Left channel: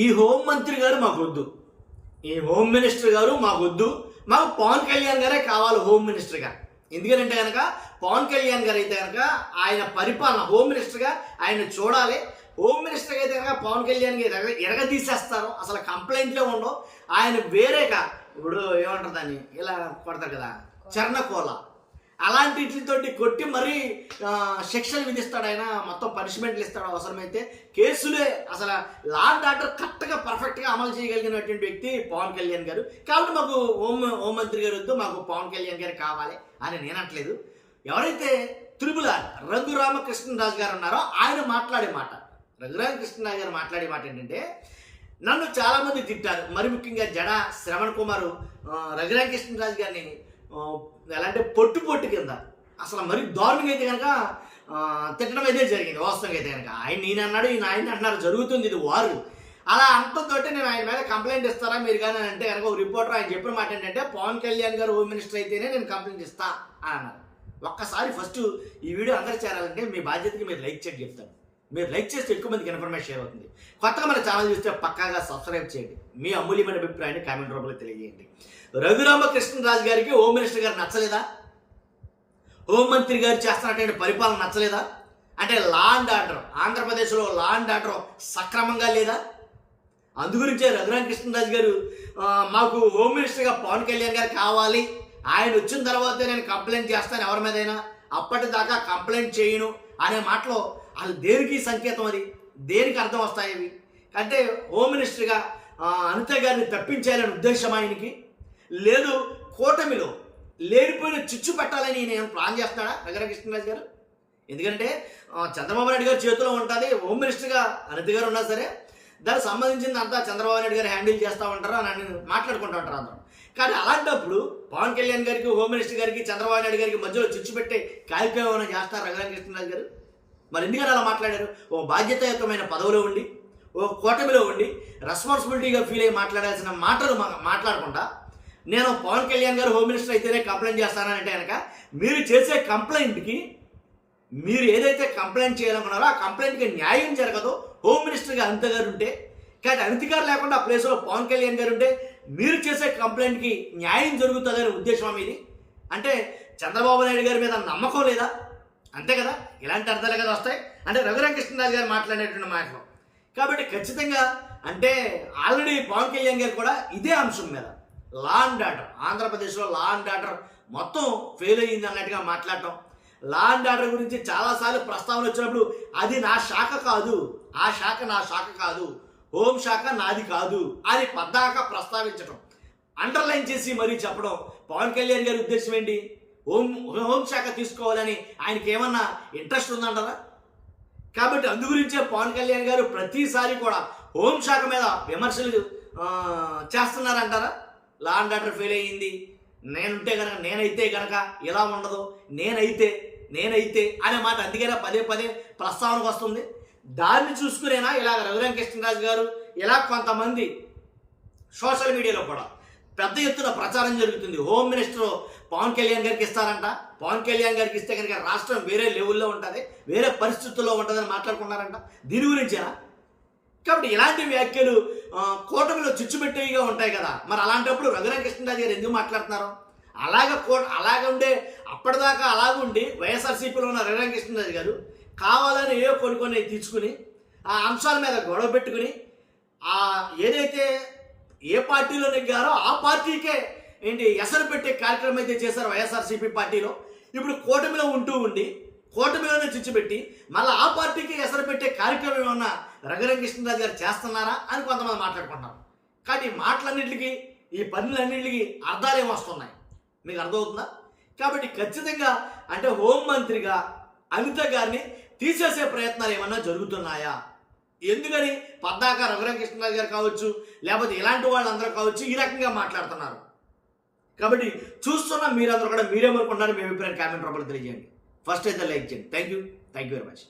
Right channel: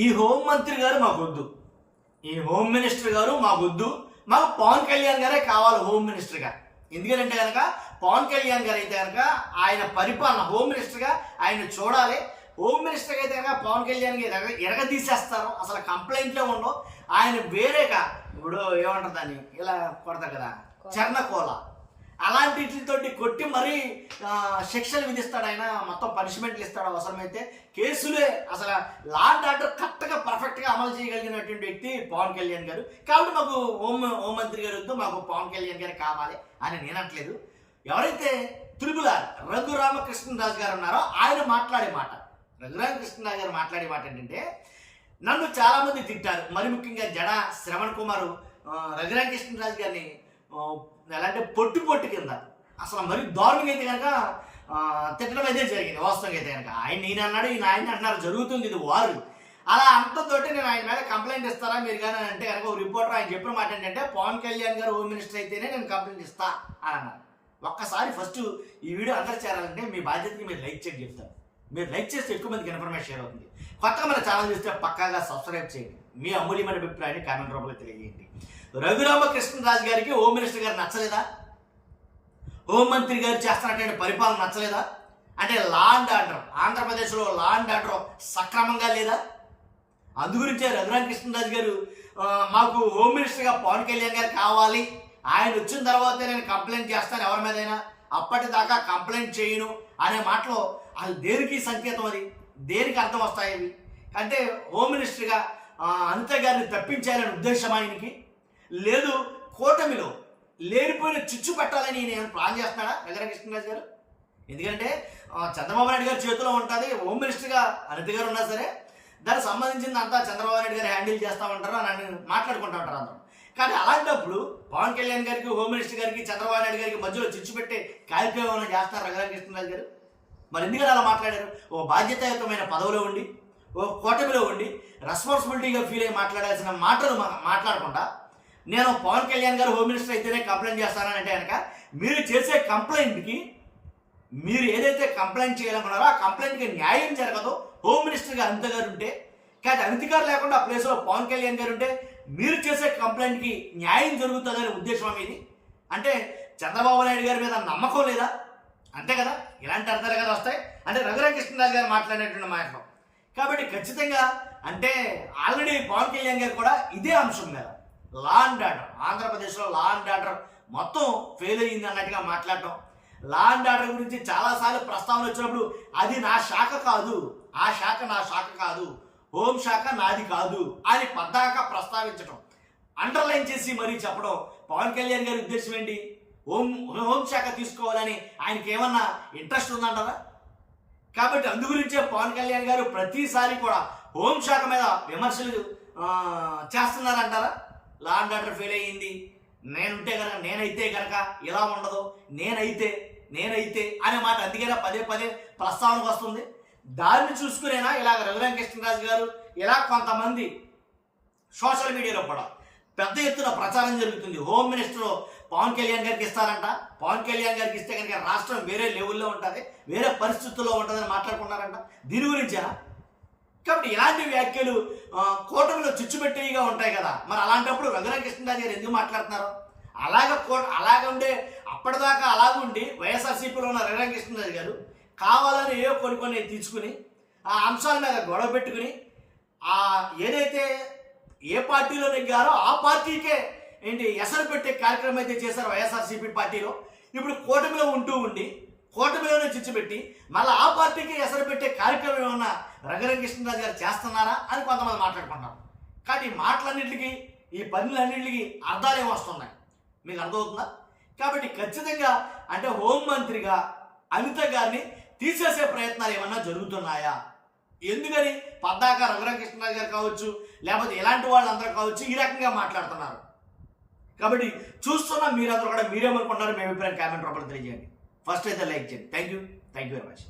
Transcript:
ఈ హోమ్ మంత్రి గారు మాకొద్దు, ఈ హోమ్ మినిస్టర్ గారు మాకొద్దు, మాకు పవన్ కళ్యాణ్ గారే కావాలి హోమ్ మినిస్టర్గా. ఎందుకంటే కనుక పవన్ కళ్యాణ్ గారు అయితే కనుక ఆయన పరిపాలన హోమ్ మినిస్టర్గా ఆయన చూడాలి. హోమ్ మినిస్టర్గా అయితే కనుక పవన్ కళ్యాణ్కి ఎరగదీసేస్తారు, అసలు కంప్లైంట్లే ఉండవు. ఆయన వేరేగా ఇప్పుడు ఏమంటారు దాన్ని ఇలా కొడతారు కదా చర్ణకోల, అలాంటితోటి కొట్టి మరీ శిక్షలు విధిస్తాడు ఆయన, మొత్తం పనిష్మెంట్లు ఇస్తాడు. అవసరమైతే కేసులే, అసలు లా అండ్ ఆర్డర్ కరెక్ట్గా పర్ఫెక్ట్గా అమలు చేయగలిగినటువంటి వ్యక్తి పవన్ కళ్యాణ్ గారు. కాబట్టి మాకు హోంమంత్రి గారు వద్దు, మాకు పవన్ కళ్యాణ్ గారు కావాలి అని నేనట్లేదు. ఎవరైతే త్రిపులార్ రఘురామకృష్ణరాజు గారు ఉన్నారో ఆయన మాట్లాడే మాట, రఘురామకృష్ణరాజు గారు మాట్లాడే మాట ఏంటంటే, నన్ను చాలామంది తిట్టారు, మరి ముఖ్యంగా జడ శ్రవణ్ కుమారు రఘురామకృష్ణరాజు గారిని ఎలా అంటే పొట్టు కింద అసలు మరి దారుణంగా అయితే కనుక తిట్టడం అయితే జరిగింది. వాస్తవంగా అయితే కనుక ఈయన అన్నాడు, ఈయన ఆయన అంటున్నారు, జరుగుతుంది ఇది వారు. అలా అంతతో నేను ఆయన మీద కంప్లైంట్ ఇస్తారా మీరు కానీ అని అంటే కనుక ఒక రిపోర్టర్ ఆయన చెప్పిన మాట ఏంటంటే, పవన్ కళ్యాణ్ గారు హోమ్ మినిస్టర్ అయితేనే నేను కంప్లైంట్ ఇస్తా అని అన్నారు. ఒక్కసారి ఫస్ట్ ఈ వీడియో అందరూ చేరాలంటే మీ బాధ్యతకి మీరు లైక్ చేయండి చెప్తాను. మీరు లైక్ చేస్తే ఎక్కువ మందికి ఇన్ఫర్మేషన్ షేర్ అవుతుంది. కొత్తగా మన ఛానల్ చూస్తే పక్కాగా సబ్స్క్రైబ్ చేయండి. మీ అమూల్యమైన అభిప్రాయాన్ని కామెంట్ రూపంలో తెలియజేయండి. రఘురామకృష్ణరాజు గారికి హోమ్ మినిస్టర్ గారు నచ్చలేదా? హోంమంత్రి గారు చేస్తున్నటువంటి పరిపాలన నచ్చలేదా? అంటే లా అండ్ ఆర్డర్, ఆంధ్రప్రదేశ్లో లా అండ్ ఆర్డర్ సక్రమంగా లేదా? అందుగురించే రఘురామకృష్ణరాజు గారు మాకు హోమ్ మినిస్టర్గా పవన్ కళ్యాణ్ గారు కావాలి, ఆయన వచ్చిన తర్వాత నేను కంప్లైంట్ చేస్తాను ఎవరి మీదైనా, అప్పటిదాకా కంప్లైంట్ చేయను అనే మాటలో అది దేనికి సంకేతం, అది దేనికి అర్థం వస్తాయి అవి? అంటే హోమ్ మినిస్టర్గా అనిత గారిని తప్పించాలని ఉద్దేశం ఆయనకి లేదు, కూటమిలో లేనిపోయిన చిచ్చు పెట్టాలని నేను ప్లాన్ చేస్తున్నాడా రఘురామకృష్ణరాజు గారు? ఎందుకంటే చంద్రబాబు నాయుడు గారి చేతిలో ఉంటుంది, హోమ్ మినిస్టర్గా అనిత గారు ఉన్నా సరే దానికి సంబంధించింది అంతా చంద్రబాబు నాయుడు గారు హ్యాండిల్ చేస్తూ ఉంటారు అని మాట్లాడుకుంటూ ఉంటారు అందరం. కానీ అలాంటప్పుడు పవన్ కళ్యాణ్ గారికి, హోమ్ మినిస్టర్ గారికి, చంద్రబాబు నాయుడు గారికి మధ్యలో చిచ్చు పెట్టే కార్యక్రమం చేస్తారు రఘురామకృష్ణరాజు గారు. మరి ఎందుకని అలా మాట్లాడారు? ఓ బాధ్యతాయుతమైన పదవిలో ఉండి, ఓ కూటమిలో ఉండి రెస్పాన్సిబిలిటీగా ఫీల్ అయ్యి మాట్లాడాల్సిన మాటలు మాట్లాడకుండా, నేను పవన్ కళ్యాణ్ గారు హోమ్ మినిస్టర్ అయితేనే కంప్లైంట్ చేస్తానని అంటే కనుక మీరు చేసే కంప్లైంట్కి, మీరు ఏదైతే కంప్లైంట్ చేయాలనుకున్నారో ఆ కంప్లైంట్కి న్యాయం జరగదో హోమ్ మినిస్టర్గా అనిత గారు ఉంటే. కానీ అనిత గారు లేకుండా ఆ ప్లేస్లో పవన్ కళ్యాణ్ గారు ఉంటే మీరు చేసే కంప్లైంట్కి న్యాయం జరుగుతుందనే ఉద్దేశం మీది. అంటే చంద్రబాబు నాయుడు గారి మీద నమ్మకం లేదా? అంతే కదా, ఇలాంటి అర్థాలు కదా వస్తాయి అంటే రఘురామకృష్ణరాజు గారు మాట్లాడేటువంటి మాటలు. కాబట్టి ఖచ్చితంగా అంటే ఆల్రెడీ పవన్ కళ్యాణ్ గారు కూడా ఇదే అంశం మీద లా అండ్ ఆర్డర్, ఆంధ్రప్రదేశ్లో లా అండ్ ఆర్డర్ మొత్తం ఫెయిల్ అయ్యింది అన్నట్టుగా మాట్లాడటం, లా అండ్ ఆర్డర్ గురించి చాలాసార్లు ప్రస్తావన వచ్చినప్పుడు అది నా శాఖ కాదు, ఆ శాఖ నా శాఖ కాదు, హోం శాఖ నాది కాదు అని పద్దాకా ప్రస్తావించడం, అండర్లైన్ చేసి మరీ చెప్పడం. పవన్ కళ్యాణ్ గారి ఉద్దేశం ఏంటి? హోంశాఖ తీసుకోవాలని ఆయనకి ఏమన్నా ఇంట్రెస్ట్ ఉందంటారా? కాబట్టి అందుగురించే పవన్ కళ్యాణ్ గారు ప్రతిసారి కూడా హోంశాఖ మీద విమర్శలు చేస్తున్నారంటారా? లా అండ్ ఆర్డర్ ఫెయిల్ అయ్యింది, నేనైతే కనుక ఇలా ఉండదు, నేనైతే అనే మాట అందుకైనా పదే ప్రస్తావనకు వస్తుంది. దాన్ని చూసుకునేనా ఇలాగ రఘురామకృష్ణరాజు గారు, ఇలా కొంతమంది సోషల్ మీడియాలో కూడా పెద్ద ఎత్తున ప్రచారం జరుగుతుంది. హోమ్ మినిస్టర్ పవన్ కళ్యాణ్ గారికి ఇస్తారంట, పవన్ కళ్యాణ్ గారికి ఇస్తే కనుక రాష్ట్రం వేరే లెవెల్లో ఉంటుంది, వేరే పరిస్థితుల్లో ఉంటుందని మాట్లాడుకున్నారంట. దీని గురించేనా? కాబట్టి ఇలాంటి వ్యాఖ్యలు కూటమిలో చిచ్చుపెట్టేవిగా ఉంటాయి కదా. మరి అలాంటప్పుడు రఘురామకృష్ణరాజు గారు ఎందుకు మాట్లాడుతున్నారు? అలాగ ఉండే అప్పటిదాకా అలాగుండి వైఎస్ఆర్సీపీలో ఉన్న రఘురామకృష్ణరాజు గారు కావాలని ఏవో కొన్ని తీసుకుని ఆ అంశాల మీద గొడవ పెట్టుకుని ఏదైతే ఏ పార్టీలో నెగ్గారో ఆ పార్టీకే ఎసరు పెట్టే కార్యక్రమం అయితే చేశారు వైఎస్ఆర్సీపీ పార్టీలో. ఇప్పుడు కూటమిలో ఉండి కూటమిలోనే చిచ్చుపెట్టి మళ్ళీ ఆ పార్టీకి ఎసరు పెట్టే కార్యక్రమం ఏమన్నా రఘురామకృష్ణరాజు గారు చేస్తున్నారా అని కొంతమంది మాట్లాడుకుంటున్నారు. కాబట్టి ఈ మాటలన్నింటికి, ఈ పనులన్నింటికి అర్థాలు ఏమొస్తున్నాయి మీకు అర్థమవుతుందా? కాబట్టి ఖచ్చితంగా అంటే హోంమంత్రిగా అనిత గారిని తీసేసే ప్రయత్నాలు ఏమన్నా జరుగుతున్నాయా? ఎందుకని పద్దాక రఘురామకృష్ణరాజు గారు కావచ్చు, లేకపోతే ఇలాంటి వాళ్ళందరూ కావచ్చు ఈ రకంగా మాట్లాడుతున్నారు. కాబట్టి చూస్తున్న మీరందరూ కూడా మీరేమనుకుంటున్నారు మీ అభిప్రాయం కామెంట్ రూపంలో తెలియజేయండి. ఫస్ట్ అయితే లైక్ చేయండి. Thank you very much.